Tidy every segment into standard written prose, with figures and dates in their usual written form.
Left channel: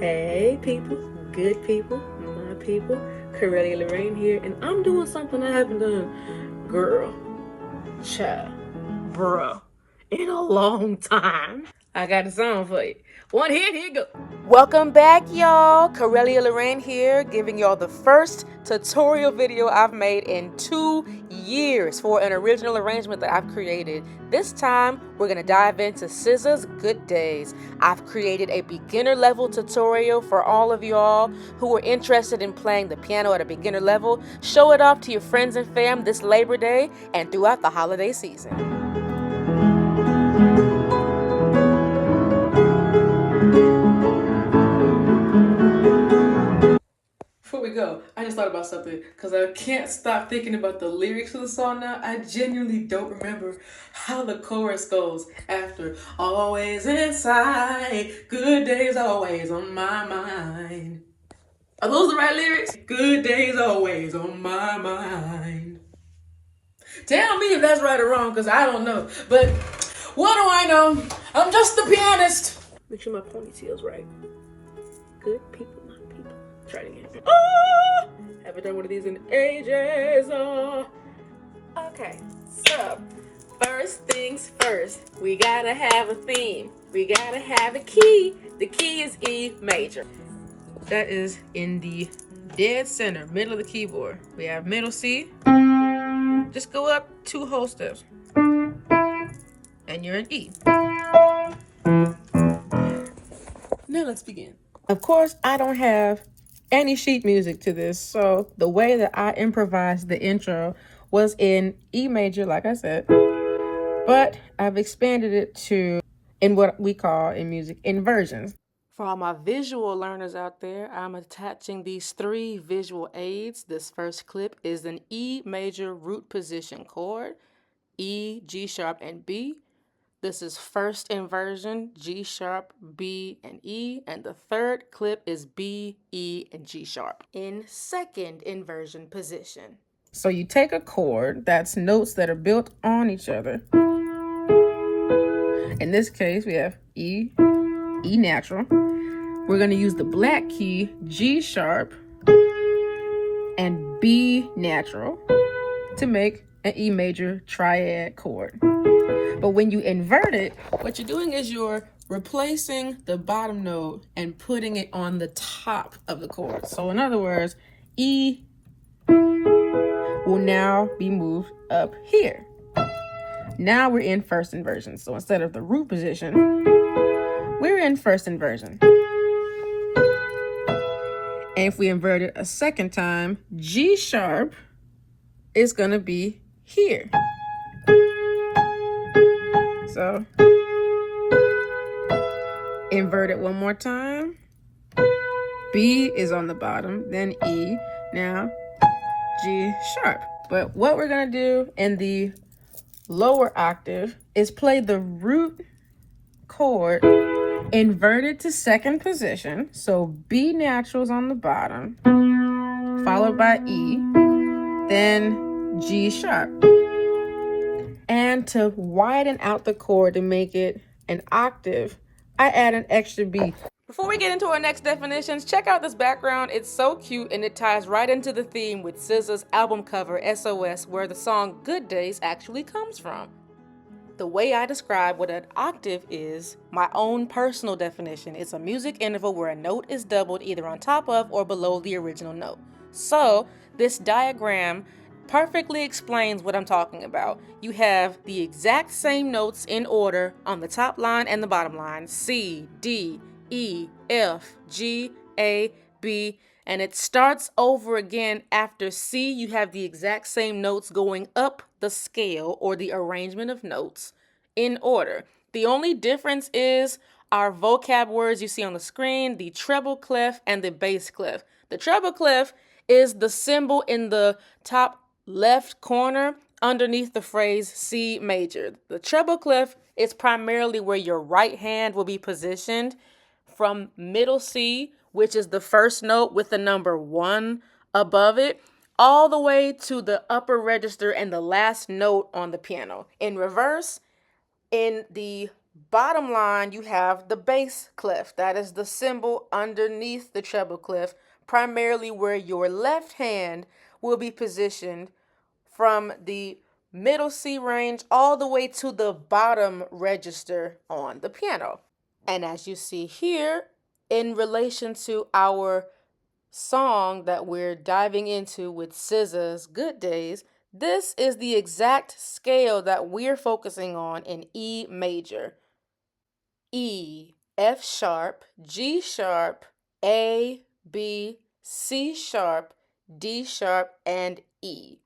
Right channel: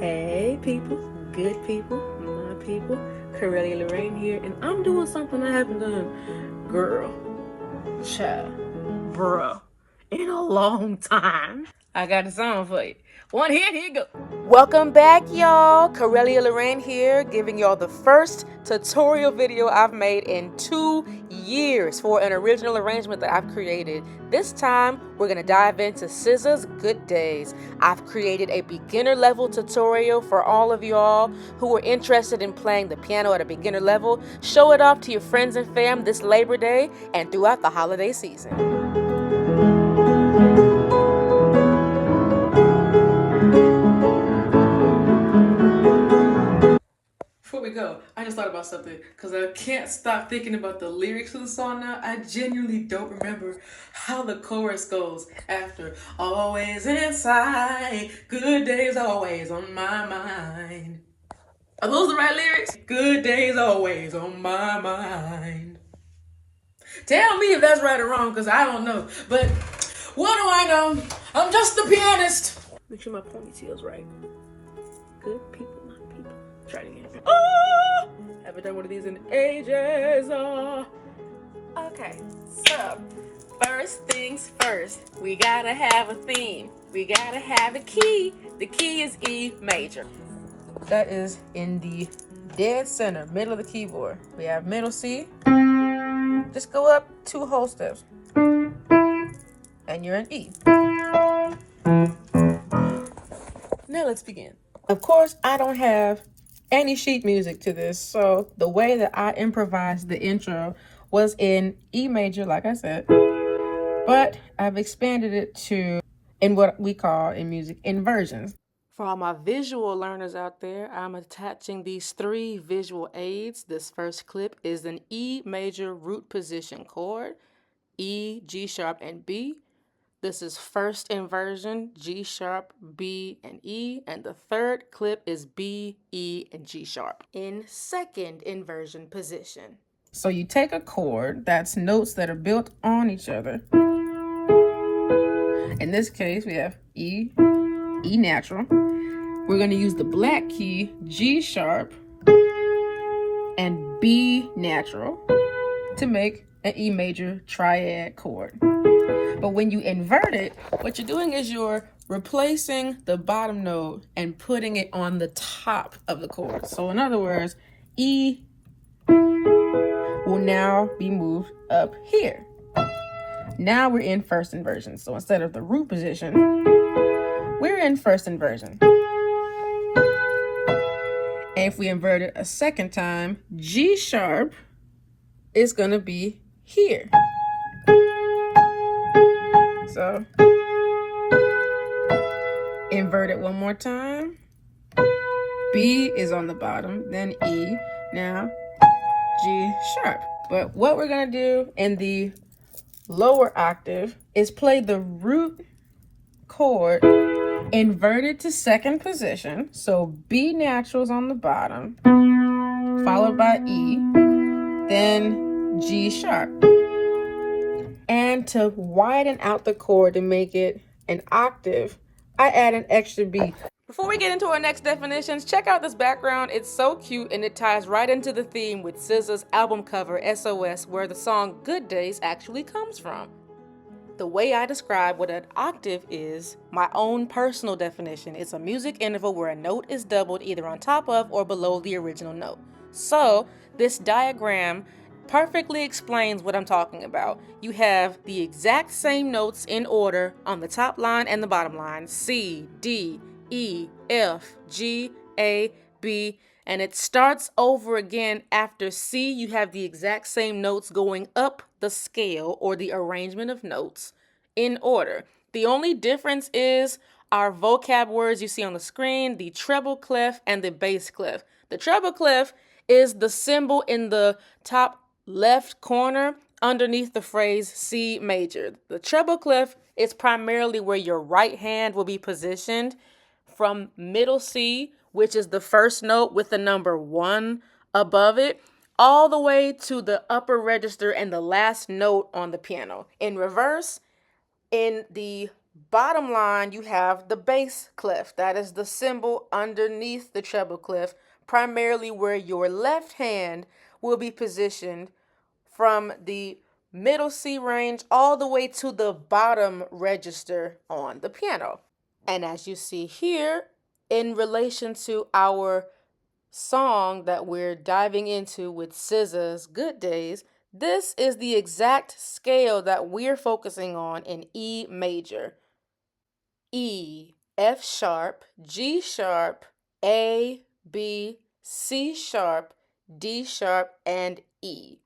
Hey people, good people, my people, CORELiA LORRAiNE here, and I'm doing something I haven't done, girl, child, bruh, in a long time. I got a song for you. One hit, here you go. Welcome back, y'all. CORELiA LORRAiNE here, giving y'all the first tutorial video I've made in 2 years for an original arrangement that I've created. This time, we're gonna dive into SZA's Good Days. I've created a beginner level tutorial for all of y'all who are interested in playing the piano at a beginner level. Show it off to your friends and fam this Labor Day and throughout the holiday season. Before we go, I just thought about something because I can't stop thinking about the lyrics of the song now. I genuinely don't remember how the chorus goes after always inside, good days always on my mind. Are those the right lyrics? Good days always on my mind. Tell me if that's right or wrong because I don't know. But what do I know? I'm just the pianist. Make sure my ponytail's right. Good people, not people. Try it again. Oh, haven't done one of these in ages. Oh. Okay, so first things first, we gotta have a theme. We gotta have a key. The key is E major. That is in the dead center, middle of the keyboard. We have middle C. Just go up 2 whole steps. And you're in E. Now let's begin. Of course, I don't have any sheet music to this, so the way that I improvised the intro was in E major, like I said, but I've expanded it to in what we call in music inversions. For all my visual learners out there, I'm attaching these 3 visual aids. This first clip is an E major root position chord, E, G sharp, and B. This is first inversion, G sharp, B, and E. And the third clip is B, E, and G sharp in second inversion position. So you take a chord, that's notes that are built on each other. In this case, we have E, E natural. We're going to use the black key, G sharp, and B natural to make an E major triad chord. But when you invert it, what you're doing is you're replacing the bottom note and putting it on the top of the chord. So in other words, E will now be moved up here. Now we're in first inversion. So instead of the root position, we're in first inversion. And if we invert it a second time, G sharp is going to be here. So invert it one more time. B is on the bottom, then E, now G sharp. But what we're going to do in the lower octave is play the root chord inverted to second position. So B natural is on the bottom, followed by E, then G sharp. And to widen out the chord to make it an octave, I add an extra B. Before we get into our next definitions, check out this background. It's so cute and it ties right into the theme with SZA's album cover, SOS, where the song Good Days actually comes from. The way I describe what an octave is, my own personal definition, it's a music interval where a note is doubled either on top of or below the original note. So, this diagram perfectly explains what I'm talking about. You have the exact same notes in order on the top line and the bottom line, C, D, E, F, G, A, B, and it starts over again after C. You have the exact same notes going up the scale or the arrangement of notes in order. The only difference is our vocab words you see on the screen, the treble clef and the bass clef. The treble clef is the symbol in the top left corner underneath the phrase C major. The treble clef is primarily where your right hand will be positioned from middle C, which is the first note with the number 1 above it, all the way to the upper register and the last note on the piano. In reverse, in the Bottom line, you have the bass clef. That is the symbol underneath the treble clef, primarily where your left hand will be positioned from the middle C range all the way to the bottom register on the piano. And as you see here, in relation to our song that we're diving into with SZA's Good Days, this is the exact scale that we're focusing on in E major. E, F sharp, G sharp, A, B, C sharp, D sharp, and E.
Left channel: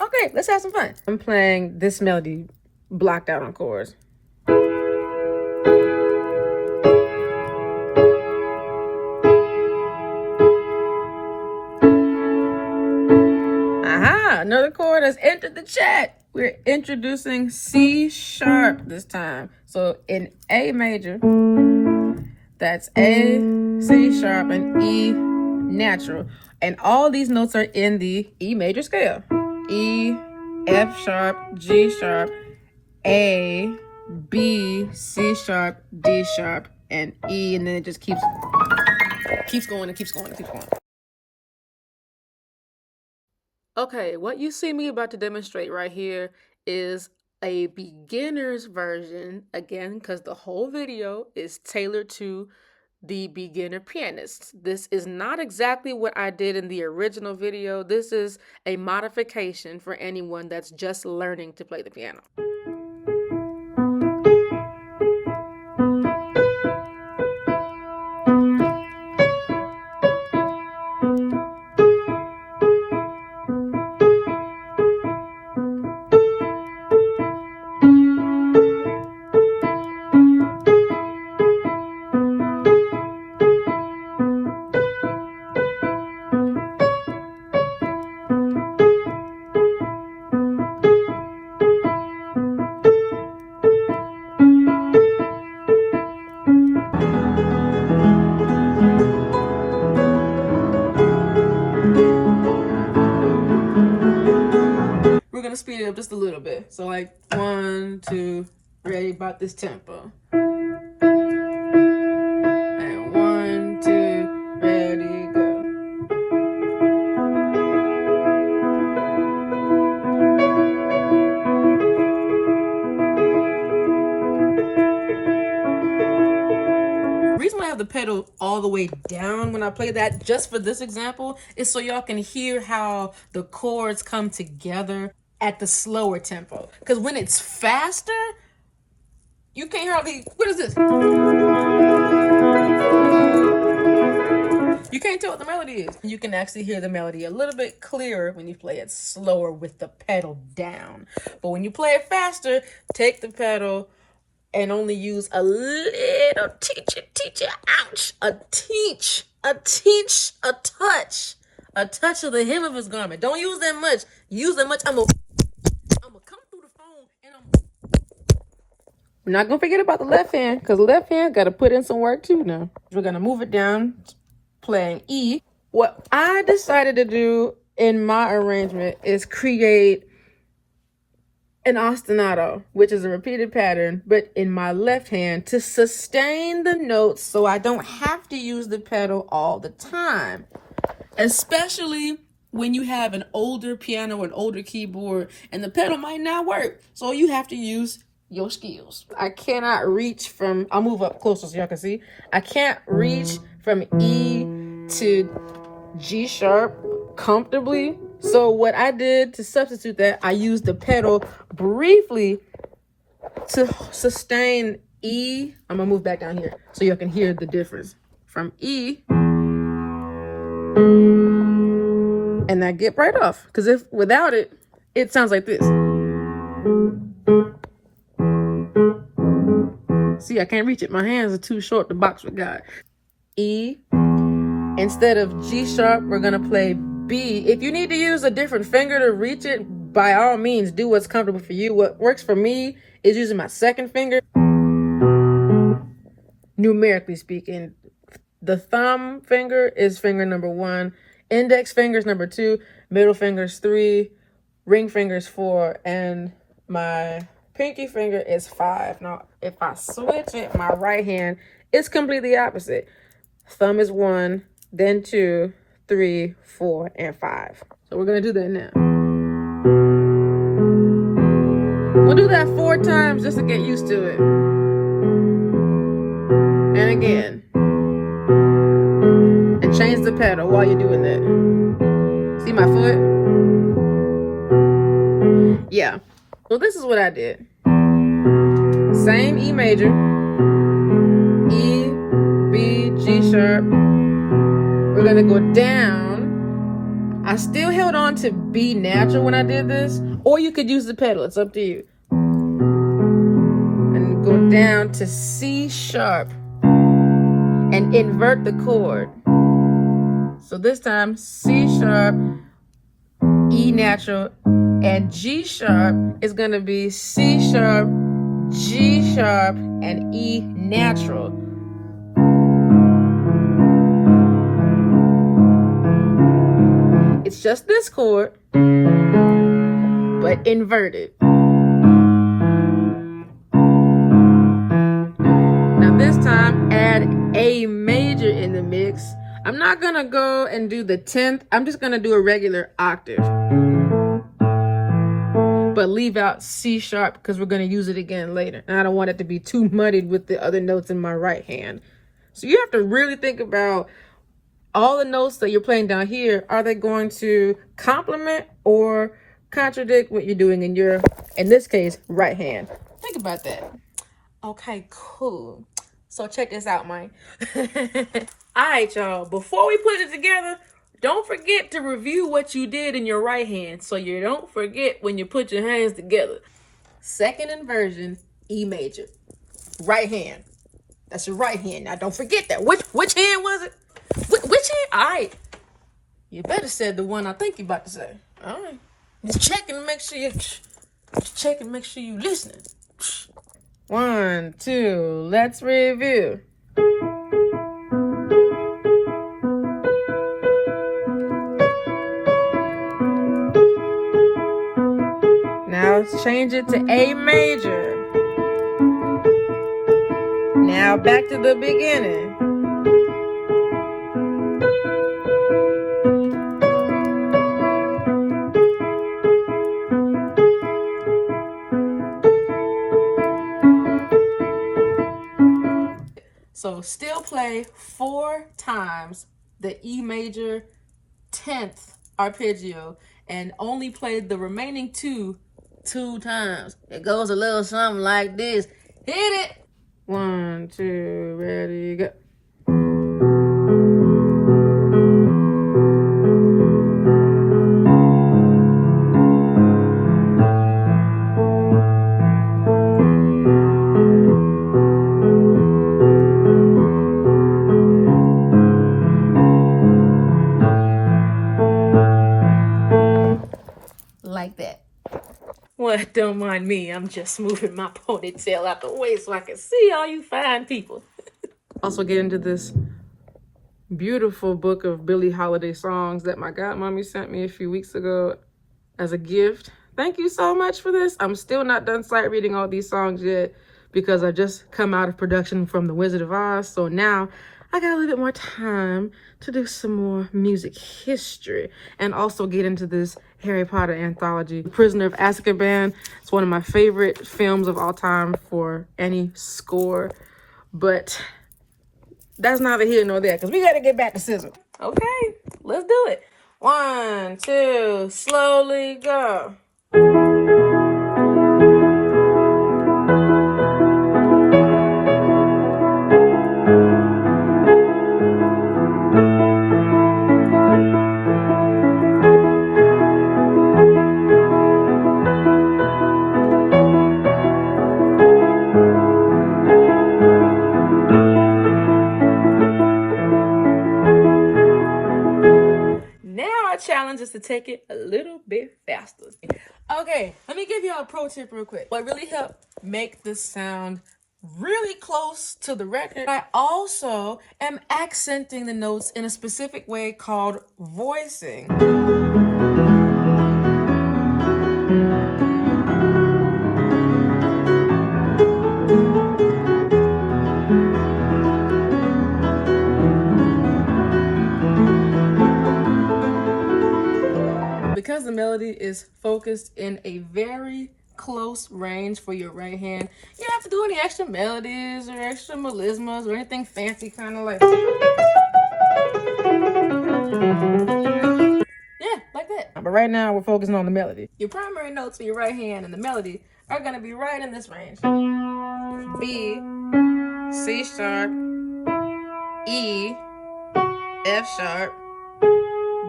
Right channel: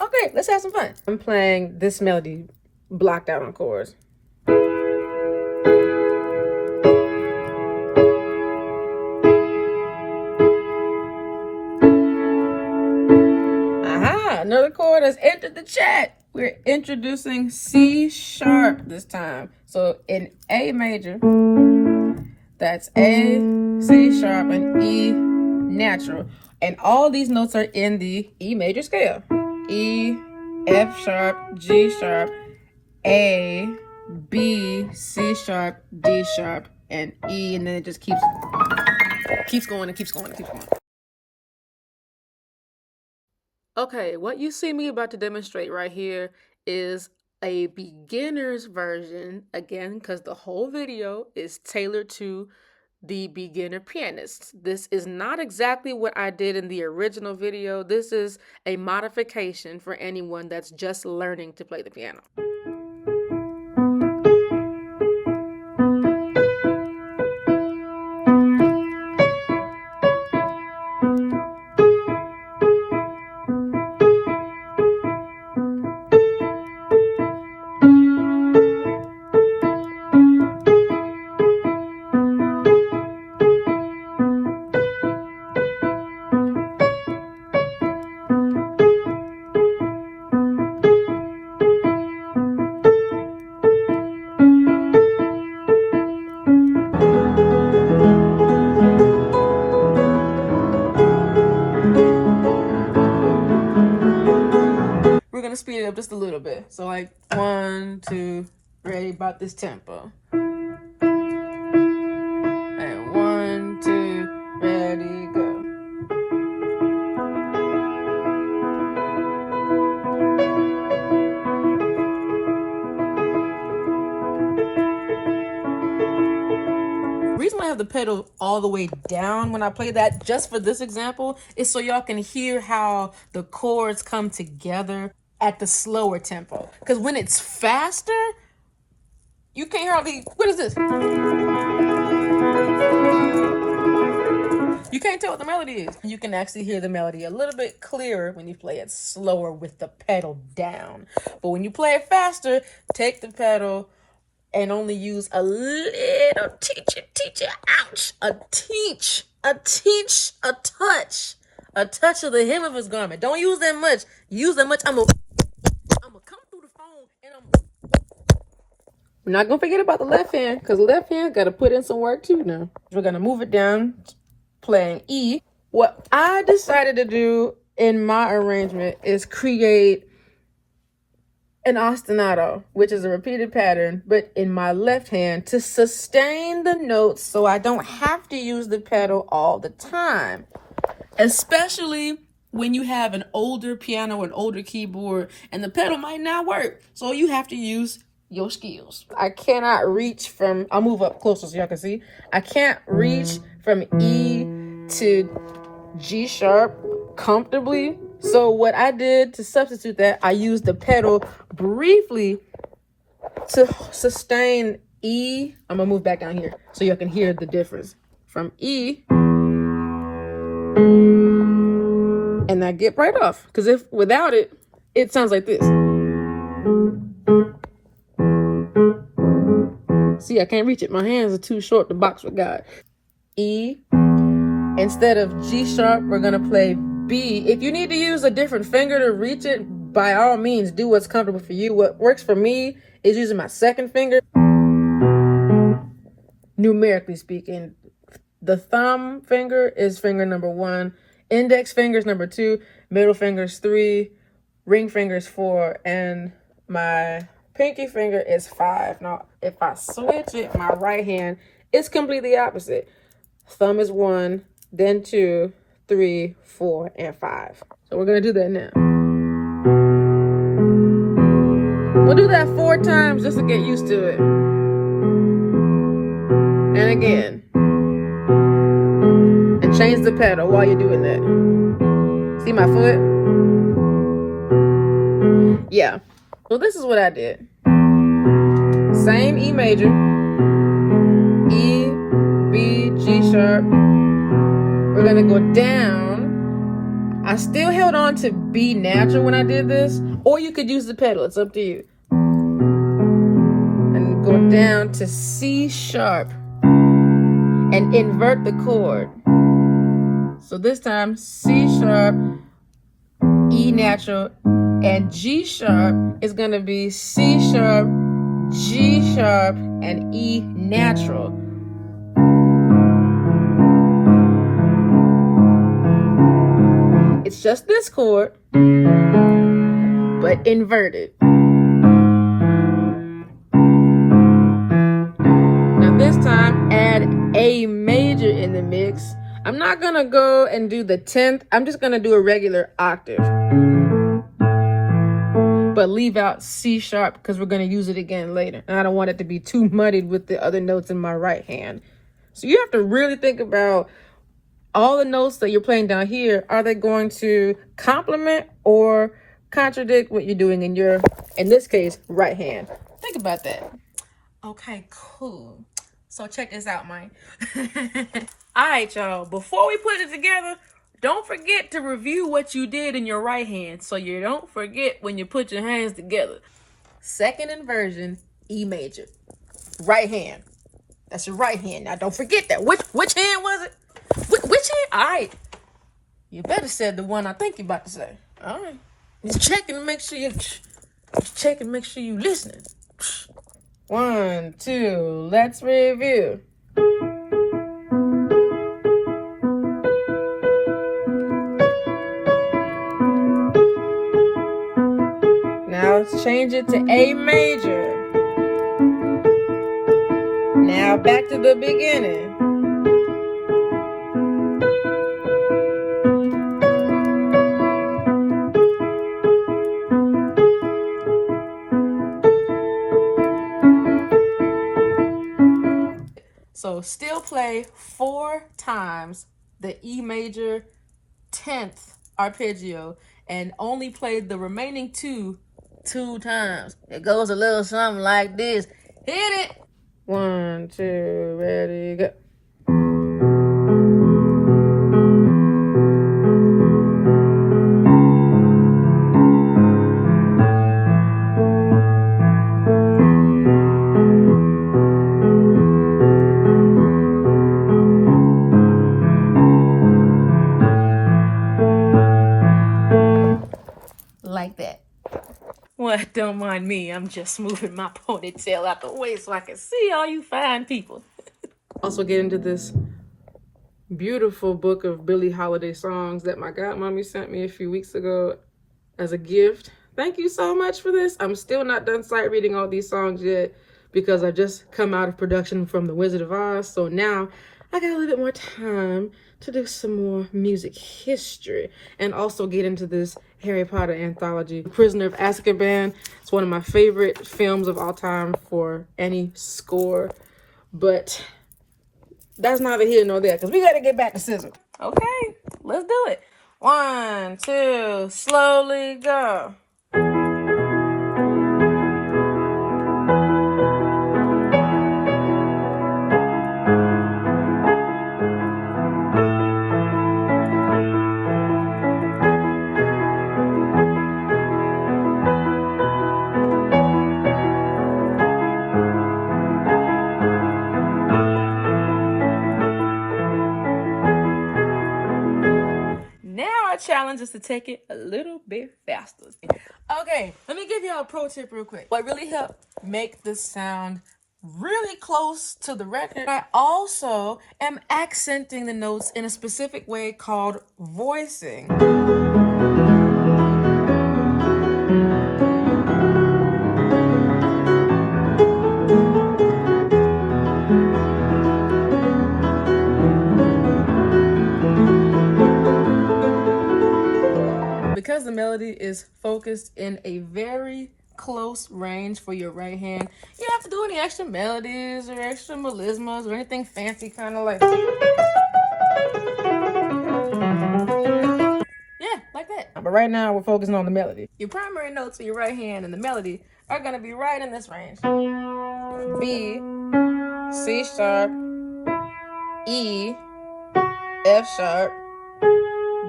Okay, let's have some fun. I'm playing this melody blocked out on chords. Aha, another chord has entered the chat. We're introducing C sharp this time. So in A major, that's A, C sharp, and E natural. And all these notes are in the E major scale. E, F sharp, G sharp, A, B, C sharp, D sharp, and E, and then it just keeps going and keeps going and keeps going. Okay, what you see me about to demonstrate right here is a beginner's version, again, because the whole video is tailored to the beginner pianist. This is not exactly what I did in the original video. This is a modification for anyone that's just learning to play the piano. We're gonna speed it up just a little bit. So like 1, 2, ready, about this tempo. And 1, 2, ready, go. The reason why I have the pedal all the way down when I play that, just for this example, is so y'all can hear how the chords come together at the slower tempo. Because when it's faster, you can't hardly, what is this? You can't tell what the melody is. You can actually hear the melody a little bit clearer when you play it slower with the pedal down. But when you play it faster, take the pedal and only use a little ouch, a touch of the hem of his garment. Don't use that much. Use that much. I'm gonna come through the phone and we're not gonna forget about the left hand, because left hand gotta put in some work too now. We're gonna move it down, playing E. What I decided to do in my arrangement is create an ostinato, which is a repeated pattern, but in my left hand to sustain the notes so I don't have to use the pedal all the time. Especially when you have an older piano or an older keyboard and the pedal might not work. So you have to use your skills. I cannot reach from, I'll move up closer so y'all can see. I can't reach from E to G sharp comfortably. So what I did to substitute that, I used the pedal briefly to sustain E. I'm gonna move back down here so you can hear the difference from E. And I get right off, because if without it, it sounds like this. See, I can't reach it. My hands are too short to box with God. E. Instead of G sharp, we're gonna play B. If you need to use a different finger to reach it, by all means, do what's comfortable for you. What works for me is using my second finger. Numerically speaking, the thumb finger is finger number 1, Index fingers number 2, middle fingers 3, ring fingers 4, and my pinky finger is 5. Now, if I switch it, my right hand, it's completely opposite. Thumb is 1, then 2, 3, 4, and 5. So we're gonna do that now. We'll do that 4 times just to get used to it. And again. And change the pedal while you're doing that. See my foot? Yeah. Well, this is what I did. Same E major. E, B, G sharp. We're gonna go down. I still held on to B natural when I did this, or you could use the pedal, it's up to you. And go down to C sharp and invert the chord. So this time, C sharp, E natural, and G sharp is gonna be C sharp, G sharp, and E natural. It's just this chord, but inverted. Now this time, add A major in the mix. I'm not gonna go and do the 10th. I'm just gonna do a regular octave. But leave out C sharp because we're gonna use it again later. And I don't want it to be too muddied with the other notes in my right hand. So you have to really think about all the notes that you're playing down here. Are they going to complement or contradict what you're doing in your, in this case, right hand? Think about that. Okay, cool. So check this out, man. All right, y'all. Before we put it together, don't forget to review what you did in your right hand so you don't forget when you put your hands together. Second inversion, E major. Right hand. That's your right hand. Now, don't forget that. Which hand was it? Which hand? All right. You better say the one I think you're about to say. All right. Just checking to make sure you're listening. 1, 2, let's review. Now let's change it to A major. Now back to the beginning. So still play 4 times the E major 10th arpeggio and only play the remaining 2 times. It goes a little something like this. Hit it. 1, 2, ready, go. Like that. Well, don't mind me. I'm just moving my ponytail out the way so I can see all you fine people. Also get into this beautiful book of Billie Holiday songs that my godmommy sent me a few weeks ago as a gift. Thank you so much for this. I'm still not done sight reading all these songs yet because I just come out of production from The Wizard of Oz. So now I got a little bit more time to do some more music history and also get into this Harry Potter anthology. Prisoner of Azkaban. It's one of my favorite films of all time for any score, but that's neither here nor there because we got to get back to SZA. Okay, let's do it. 1, 2, slowly go. Challenge is to take it a little bit faster. Okay, let me give you a pro tip real quick. What really helped make this sound really close to the record. I also am accenting the notes in a specific way called voicing. Because the melody is focused in a very close range for your right hand, you don't have to do any extra melodies or extra melismas or anything fancy, kind of like, yeah, like that. But right now we're focusing on the melody. Your primary notes for your right hand and the melody are gonna be right in this range: B, C sharp, E, F sharp,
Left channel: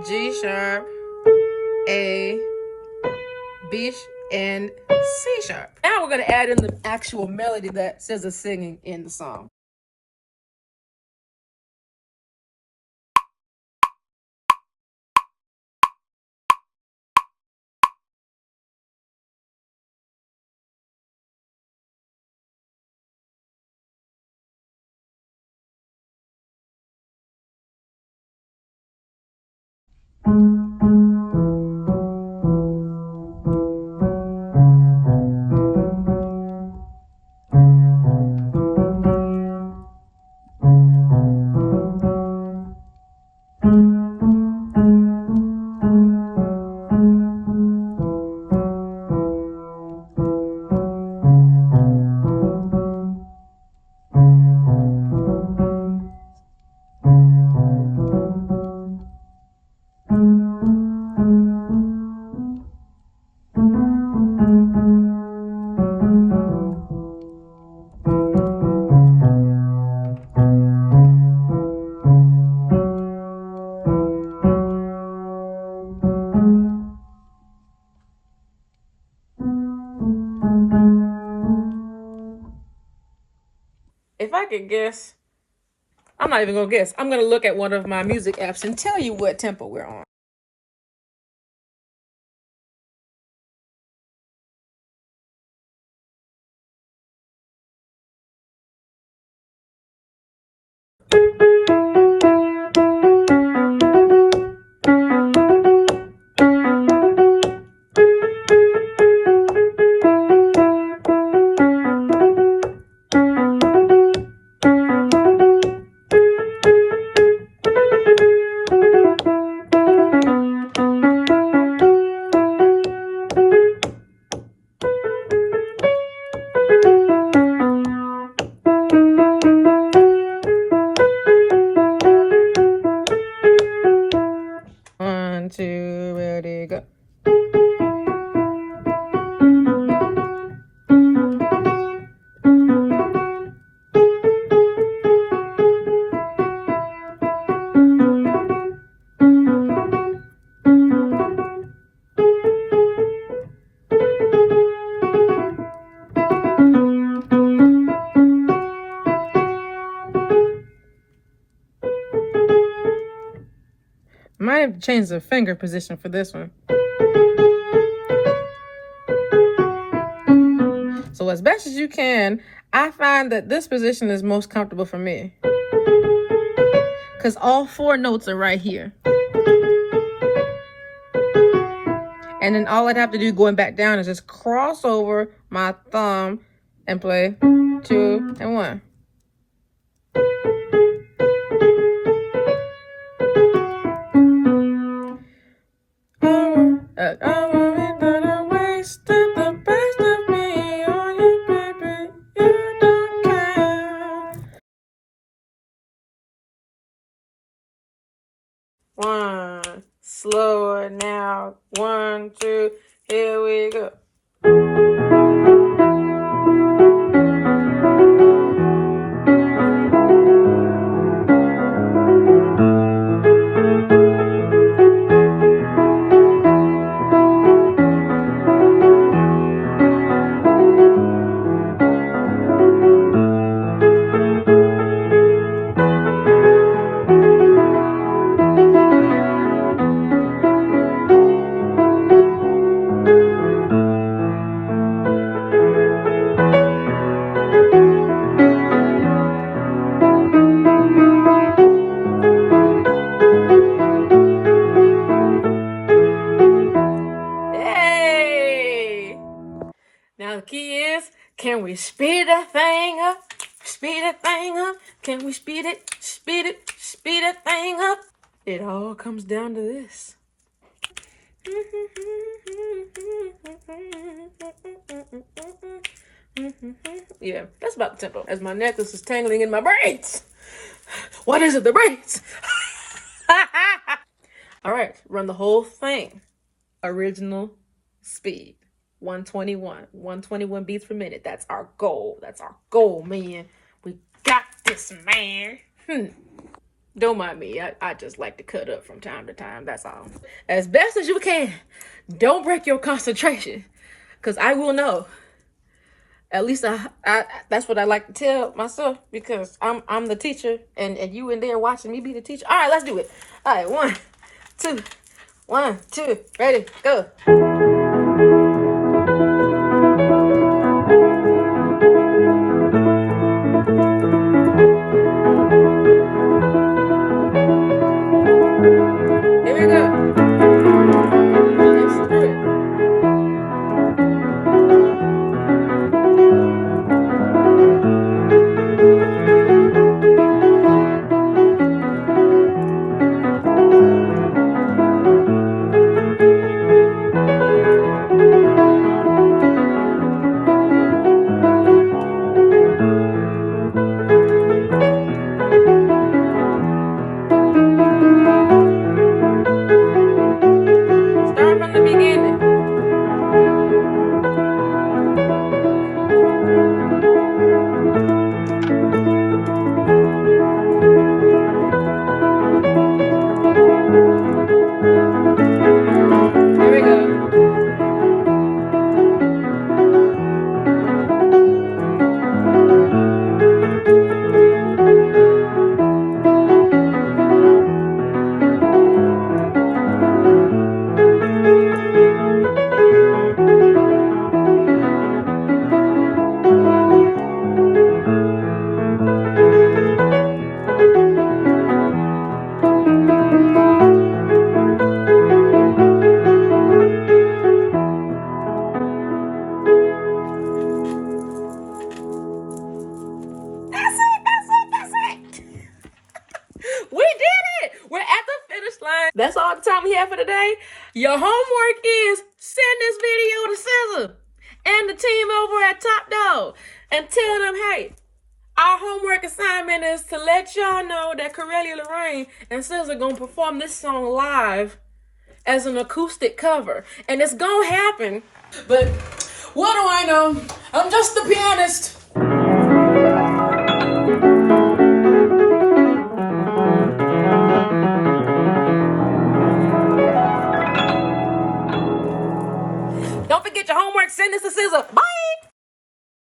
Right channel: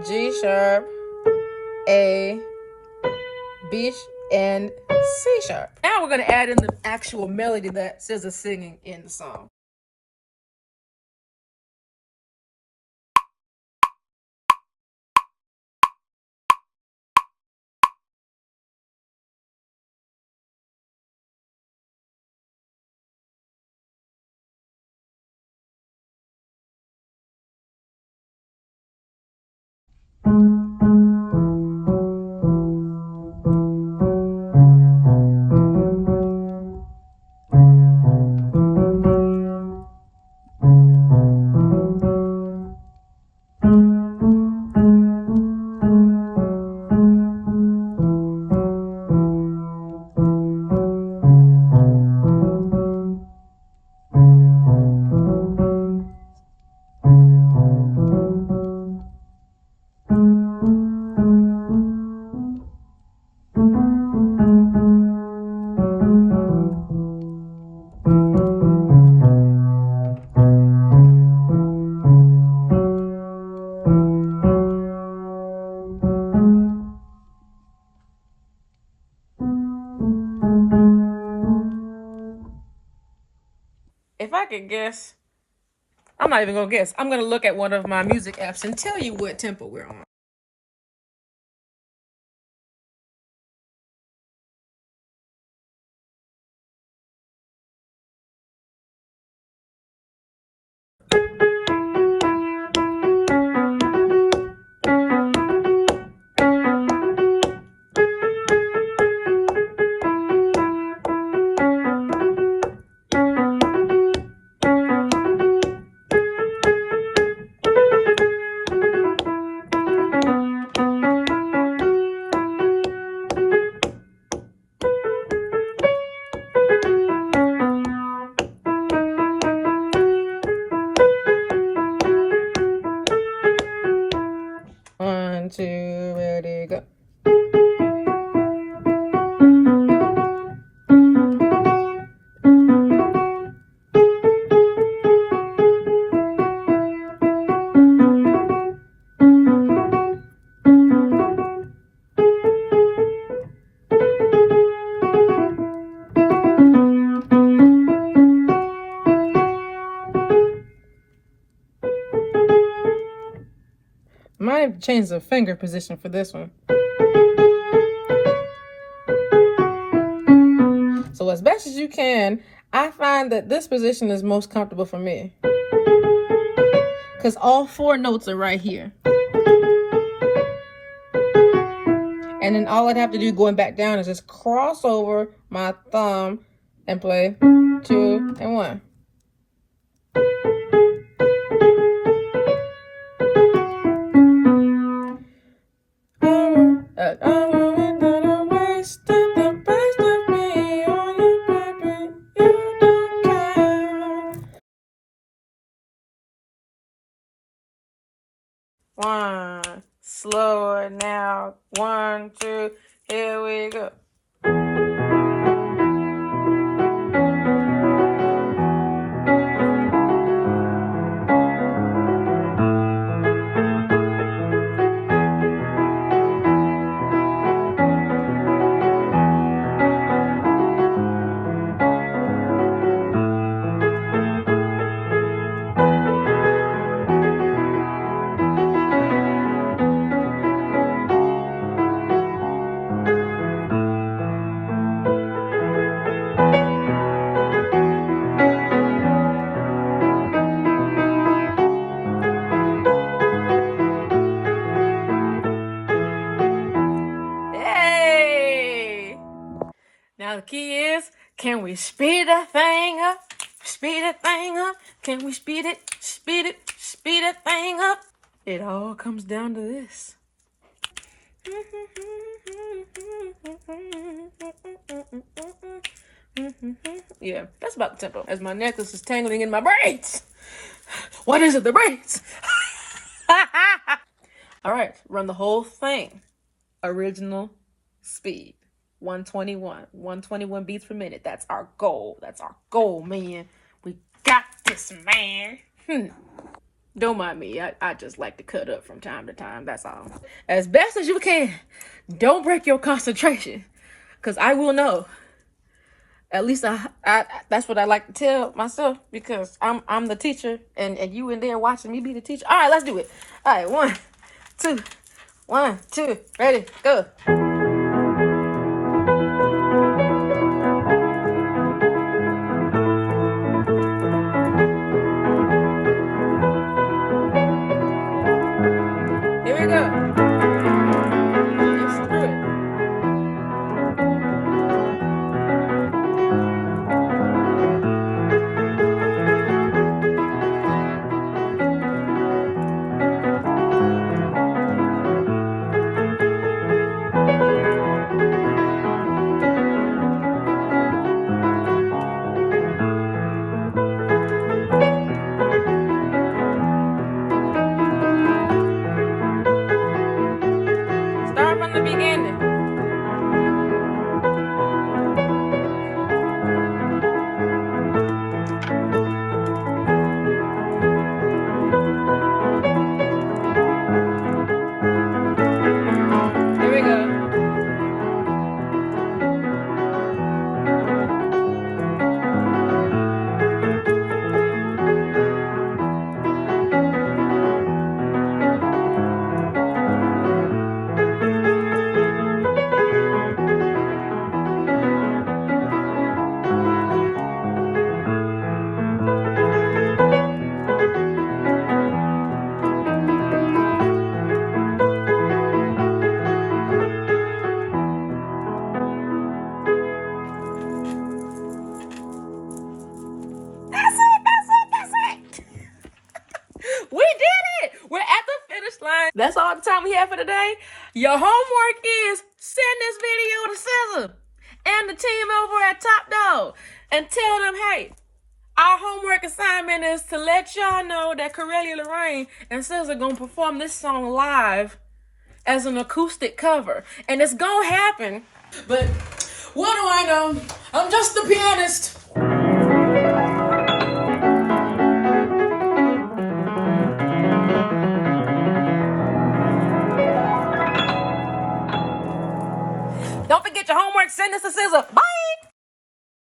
G sharp, A, B, and C sharp. Now we're gonna add in the actual melody that SZA is singing in the song. If I could guess, I'm not even gonna guess. I'm gonna look at one of my music apps and tell you what tempo we're on. One, two, ready, go. Might have changed the finger position for this one. So as best as you can, I find that this position is most comfortable for me, because all four notes are right here. And then all I'd have to do going back down is just cross over my thumb and play 2 and 1. One, slower now. 1, 2, here we go. Now the key is, can we speed that thing up? Speed that thing up. Can we speed it, speed that thing up? It all comes down to this. Yeah, that's about the tempo. As my necklace is tangling in my braids. What is it? The braids. All right, run the whole thing. Original speed. 121 beats per minute. That's our goal. That's our goal, man. We got this, man. Don't mind me. I just like to cut up from time to time. That's all. As best as you can. Don't break your concentration. Because I will know. At least I that's what I like to tell myself, because I'm the teacher and you in there watching me be the teacher. All right, let's do it. All right, 1, 2, 1, 2, ready, go. Here we go. Let's do it. Start from the beginning. Here we go. That's it. We did it. We're at the finish line. That's all the time we have for today. Your homework is send this video to SZA and the team over at Top Dog and tell them, hey, our homework assignment is to let y'all know that CORELiA LORRaINE and SZA gonna perform this song live as an acoustic cover. And it's gonna happen. But what do I know? I'm just the pianist. Don't forget your homework. Send this to SZA. Bye.